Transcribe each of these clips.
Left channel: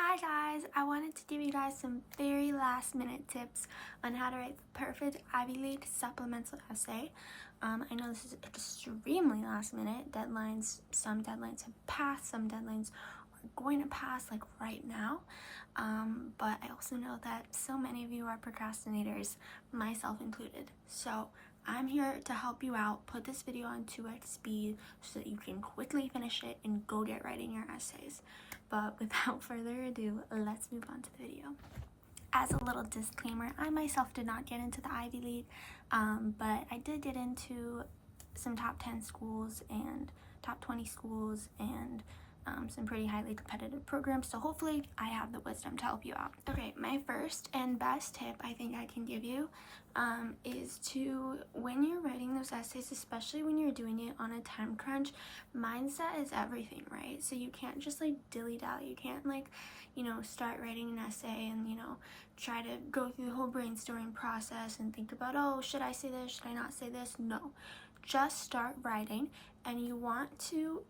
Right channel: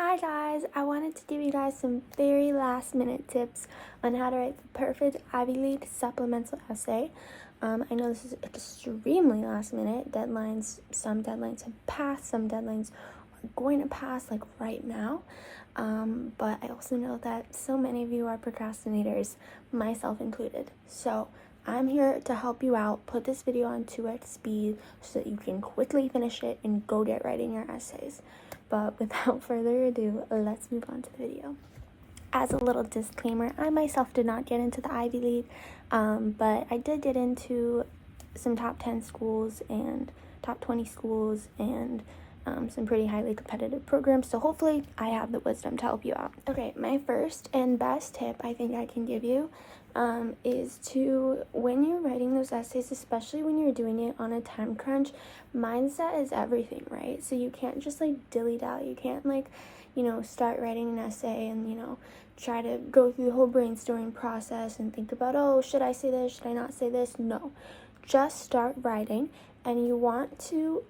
Hi guys, I wanted to give you guys some very last minute tips on how to write the perfect Ivy League supplemental essay. I know this is extremely last minute. Some deadlines have passed, some deadlines are going to pass like right now. But I also know that so many of you are procrastinators, myself included. So I'm here to help you out, put this video on 2x speed so that you can quickly finish it and go get writing your essays. But without further ado, let's move on to the video. As a little disclaimer, I myself did not get into the Ivy League, but I did get into some top 10 schools and top 20 schools and some pretty highly competitive programs, so hopefully I have the wisdom to help you out. Okay, my first and best tip I think I can give you is to, when you're writing those essays, especially when you're doing it on a time crunch, mindset is everything, right? So you can't just like dilly-dally. You can't start writing an essay and try to go through the whole brainstorming process and think about, oh, should I say this, should I not say this? No, just start writing, and you want to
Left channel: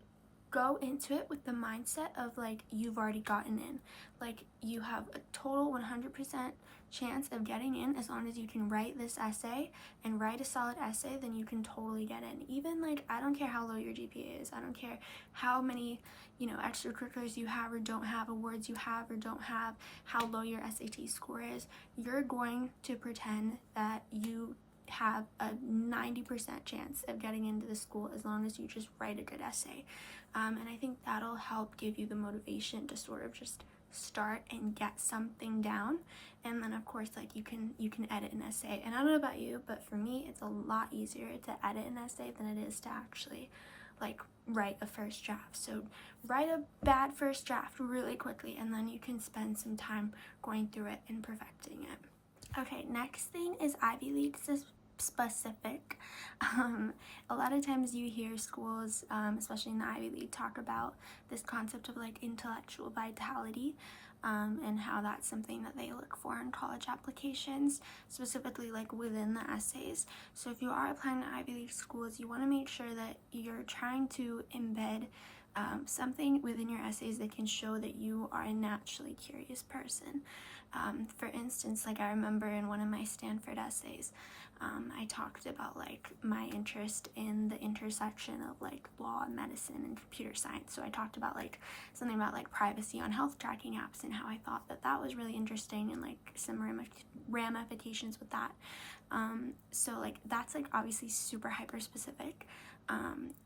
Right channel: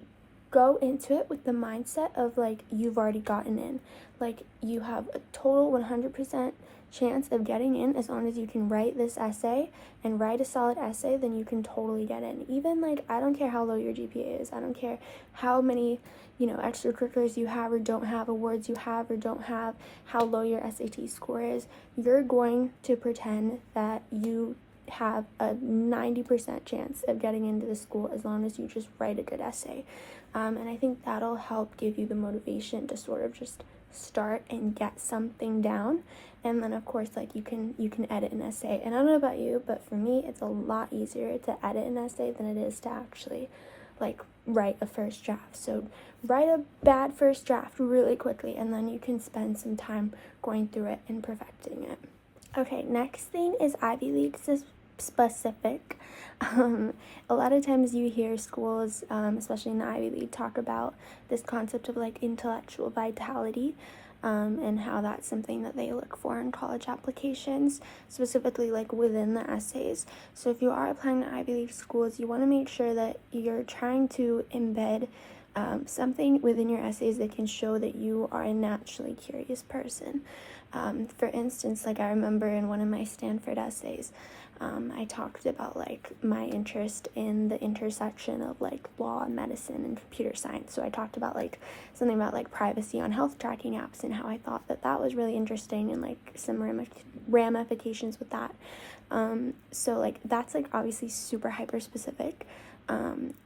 go into it with the mindset of like you've already gotten in. Like you have a total 100% chance of getting in. As long as you can write this essay and write a solid essay, then you can totally get in. Even like, I don't care how low your GPA is, I don't care how many extracurriculars you have or don't have, awards you have or don't have, how low your SAT score is, you're going to pretend that you have a 90% chance of getting into the school as long as you just write a good essay. And I think that'll help give you the motivation to sort of just start and get something down. And then of course, like you can edit an essay. And I don't know about you, but for me, it's a lot easier to edit an essay than it is to actually like write a first draft. So write a bad first draft really quickly, and then you can spend some time going through it and perfecting it. Okay, next thing is Ivy League specific. A lot of times you hear schools, especially in the Ivy League, talk about this concept of like intellectual vitality, and how that's something that they look for in college applications, specifically like within the essays. So if you are applying to Ivy League schools, you want to make sure that you're trying to embed something within your essays that can show that you are a naturally curious person. For instance, like I remember in one of my Stanford essays, I talked about like my interest in the intersection of like law and medicine and computer science. So I talked about like something about like privacy on health tracking apps and how I thought that was really interesting and like some ramifications with that. So like that's like obviously super hyper specific.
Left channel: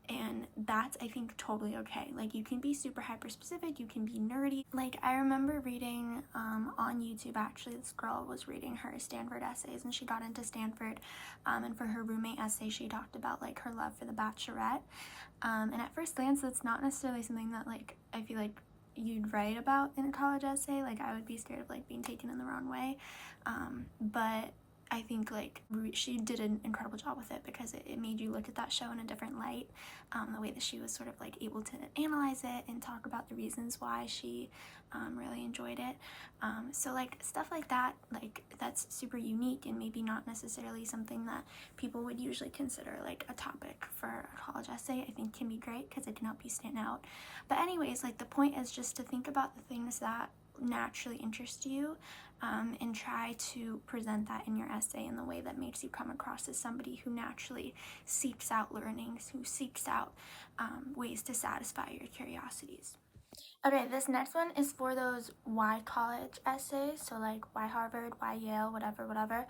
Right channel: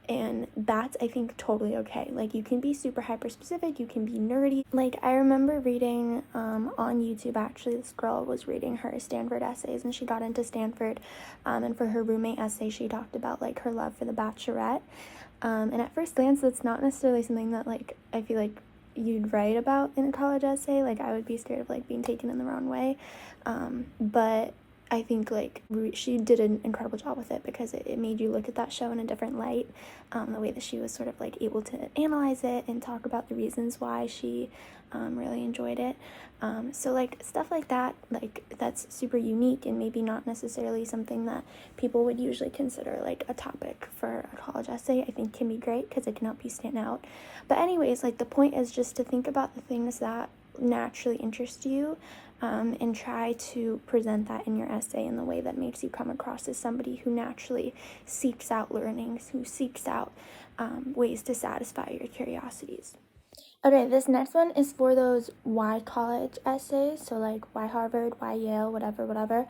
And that's, I think, totally okay. Like you can be super hyper specific, you can be nerdy. Like I remember reading on YouTube, actually this girl was reading her Stanford essays and she got into Stanford, and for her roommate essay she talked about like her love for The Bachelorette, and at first glance that's not necessarily something that like I feel like you'd write about in a college essay. Like I would be scared of like being taken in the wrong way, but I think like she did an incredible job with it because it made you look at that show in a different light. The way that she was sort of like able to analyze it and talk about the reasons why she really enjoyed it. So like stuff like that, like that's super unique and maybe not necessarily something that people would usually consider like a topic for a college essay. I think can be great because it can help you stand out. But anyways, like the point is just to think about the things that naturally interest you, and try to present that in your essay in the way that makes you come across as somebody who naturally seeks out learnings, who seeks out ways to satisfy your curiosities. Okay, this next one is for those why college essays, so like why Harvard, why Yale, whatever.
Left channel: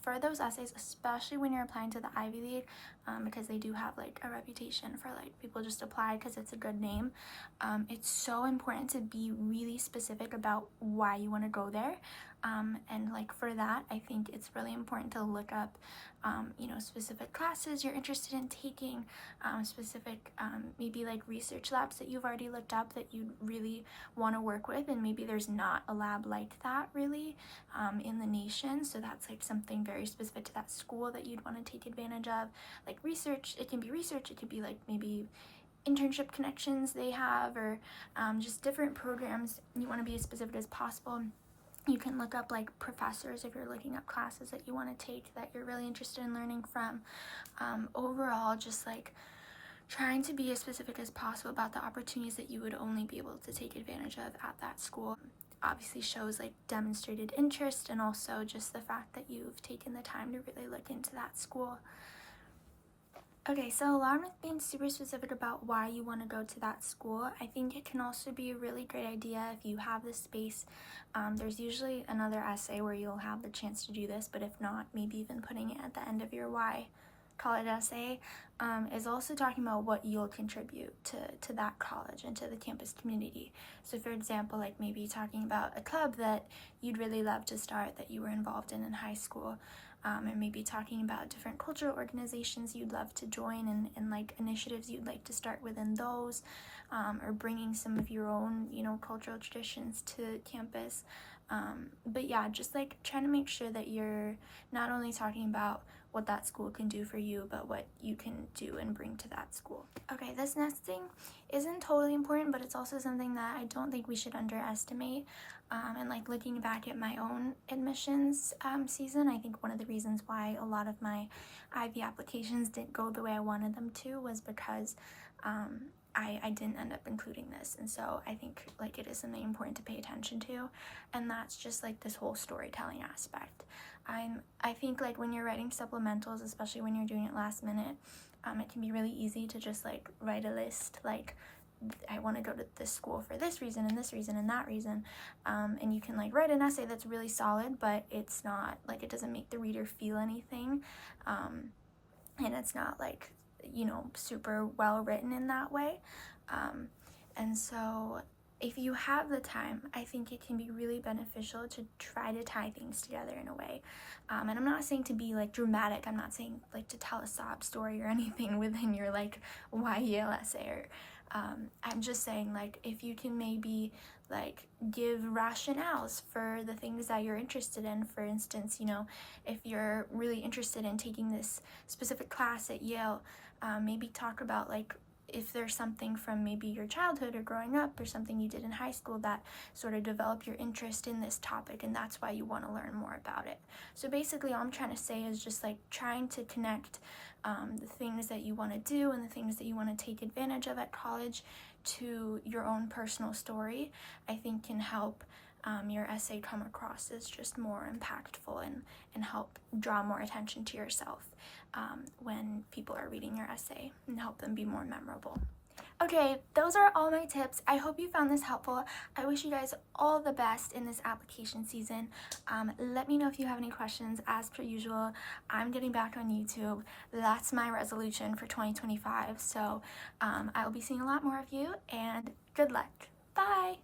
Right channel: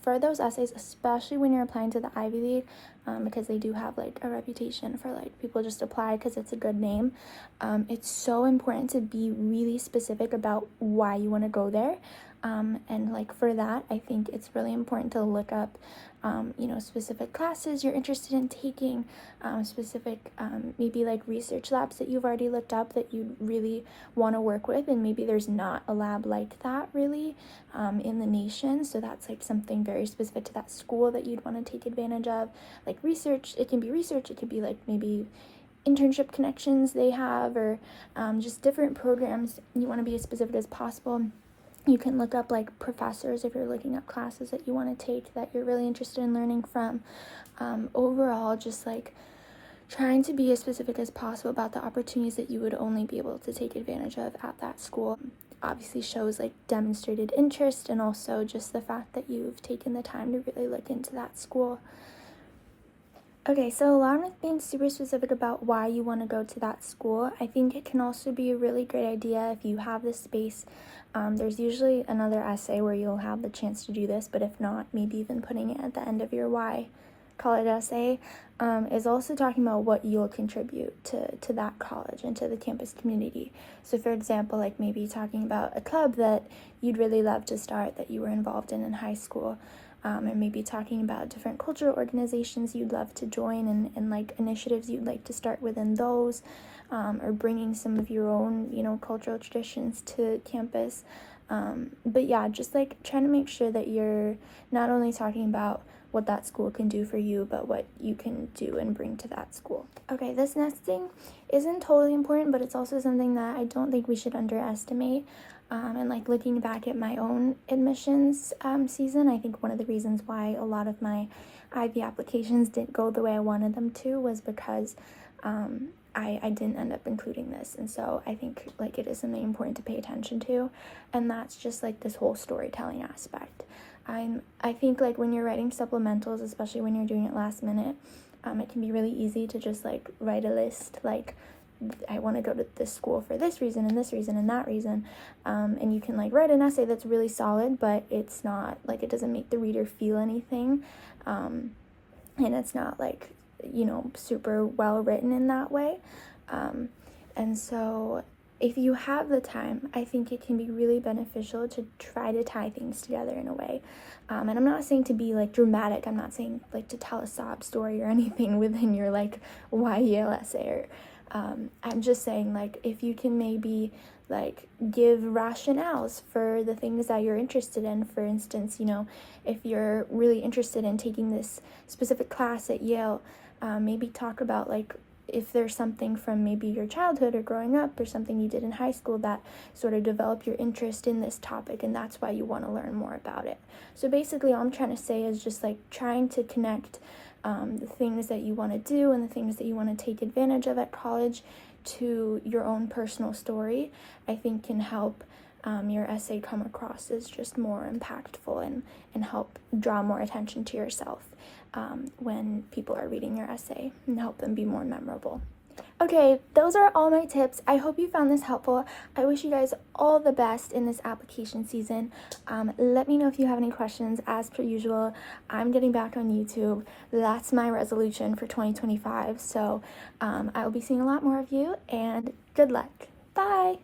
For those essays, especially when you're applying to the Ivy League, because they do have like a reputation for like people just apply because it's a good name, it's so important to be really specific about why you want to go there. And like for that, I think it's really important to look up specific classes you're interested in taking, specific maybe like research labs that you've already looked up that you'd really want to work with, and maybe there's not a lab like that really in the nation, so that's like something very specific to that school that you'd want to take advantage of. Like research, it can be like maybe internship connections they have, or just different programs. You want to be as specific as possible. You can look up like professors if you're looking up classes that you want to take that you're really interested in learning from. Overall, just like trying to be as specific as possible about the opportunities that you would only be able to take advantage of at that school. Obviously shows like demonstrated interest, and also just the fact that you've taken the time to really look into that school. Okay, so along with being super specific about why you want to go to that school, I think it can also be a really great idea if you have the space. There's usually another essay where you'll have the chance to do this, but if not, maybe even putting it at the end of your why college essay is also talking about what you'll contribute to that college and to the campus community. So for example, like maybe talking about a club that you'd really love to start that you were involved in high school, and maybe talking about different cultural organizations you'd love to join and like initiatives you'd like to start within those, or bringing some of your own, cultural traditions to campus. But yeah, just like trying to make sure that you're not only talking about what that school can do for you, but what you can do and bring to that school. Okay, this next thing isn't totally important, but it's also something that I don't think we should underestimate. And like looking back at my own admissions season, I think one of the reasons why a lot of my IB applications didn't go the way I wanted them to was because I didn't end up including this. And so I think like it is something important to pay attention to, and that's just like this whole storytelling aspect. I think like when you're writing supplementals, especially when you're doing it last minute, it can be really easy to just like write a list like, I want to go to this school for this reason and this reason and that reason, and you can like write an essay that's really solid, but it's not like, it doesn't make the reader feel anything, and it's not like, super well written in that way. And so if you have the time, I think it can be really beneficial to try to tie things together in a way. And I'm not saying to be like dramatic. I'm not saying like to tell a sob story or anything within your like YEL essay. Or I'm just saying like if you can maybe like give rationales for the things that you're interested in. For instance, if you're really interested in taking this specific class at Yale, maybe talk about like if there's something from maybe your childhood or growing up or something you did in high school that sort of developed your interest in this topic, and that's why you want to learn more about it. So basically all I'm trying to say is just like trying to connect the things that you want to do and the things that you want to take advantage of at college to your own personal story, I think can help your essay come across as just more impactful and help draw more attention to yourself when people are reading your essay, and help them be more memorable. Okay, those are all my tips. I hope you found this helpful. I wish you guys all the best in this application season. Let me know if you have any questions. As per usual, I'm getting back on YouTube. That's my resolution for 2025. So I will be seeing a lot more of you, and good luck. Bye!